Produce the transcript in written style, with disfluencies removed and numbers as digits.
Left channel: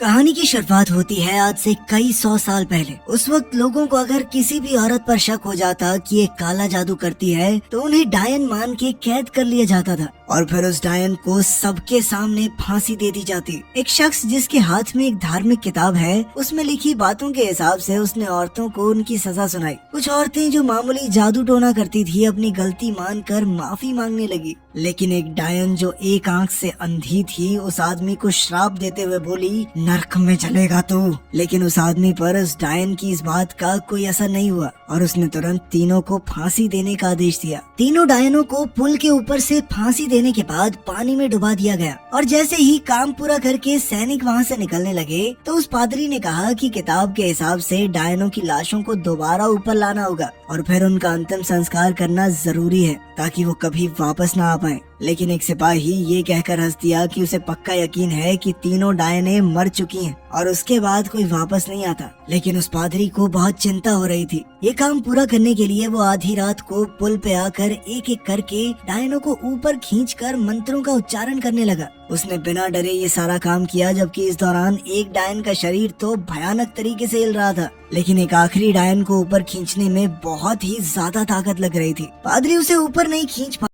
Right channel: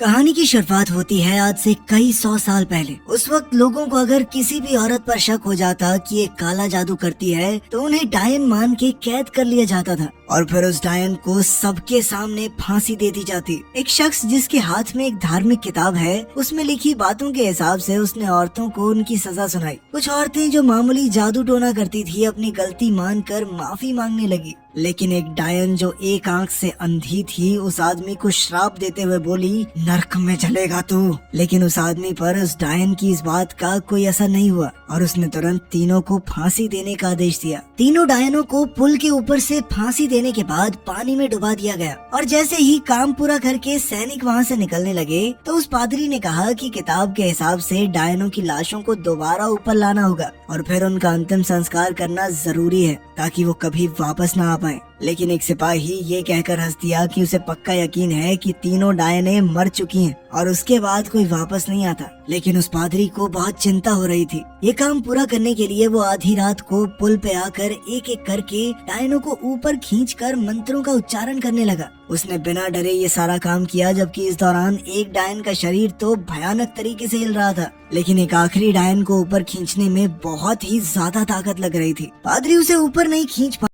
कहानी की शुरुआत होती है आज से कई 100 साल पहले। उस वक्त लोगों को अगर किसी भी औरत पर शक हो जाता कि ये काला जादू करती है तो उन्हें डायन मान के कैद कर लिया जाता था और फिर उस डायन को सबके सामने फांसी दे दी जाती। एक शख्स जिसके हाथ में एक धार्मिक किताब है, उसमें लिखी बातों के हिसाब से उसने औरतों को उनकी सजा सुनाई। कुछ औरतें जो मामूली जादू टोना करती थी अपनी गलती मानकर माफी मांगने लगी, लेकिन एक डायन जो एक आंख से अंधी थी उस आदमी को श्राप देते हुए बोली, नरक में चलेगा तू। लेकिन उस आदमी पर उस डायन की इस बात का कोई असर नहीं हुआ और उसने तुरंत तीनों को फांसी देने का आदेश दिया। तीनों डायनों को पुल के ऊपर से फांसी देने के बाद पानी में डुबा दिया गया और जैसे ही काम पूरा करके सैनिक वहाँ से निकलने लगे तो उस पादरी ने कहा कि किताब के हिसाब से डायनों की लाशों को दोबारा ऊपर लाना होगा और फिर उनका अंतिम संस्कार करना जरूरी है ताकि वो कभी वापस ना आ पाए। लेकिन एक सिपाही ये कहकर हंस दिया कि उसे पक्का यकीन है कि तीनों डायनें मर चुकी हैं और उसके बाद कोई वापस नहीं आता। लेकिन उस पादरी को बहुत चिंता हो रही थी। ये काम पूरा करने के लिए वो आधी रात को पुल पे आकर एक एक करके डायनों को ऊपर खींचकर मंत्रों का उच्चारण करने लगा। उसने बिना डरे ये सारा काम किया, जबकि इस दौरान एक डायन का शरीर तो भयानक तरीके से हिल रहा था, लेकिन एक आखिरी डायन को ऊपर खींचने में बहुत ही ज्यादा ताकत लग रही थी। पादरी उसे ऊपर नहीं खींच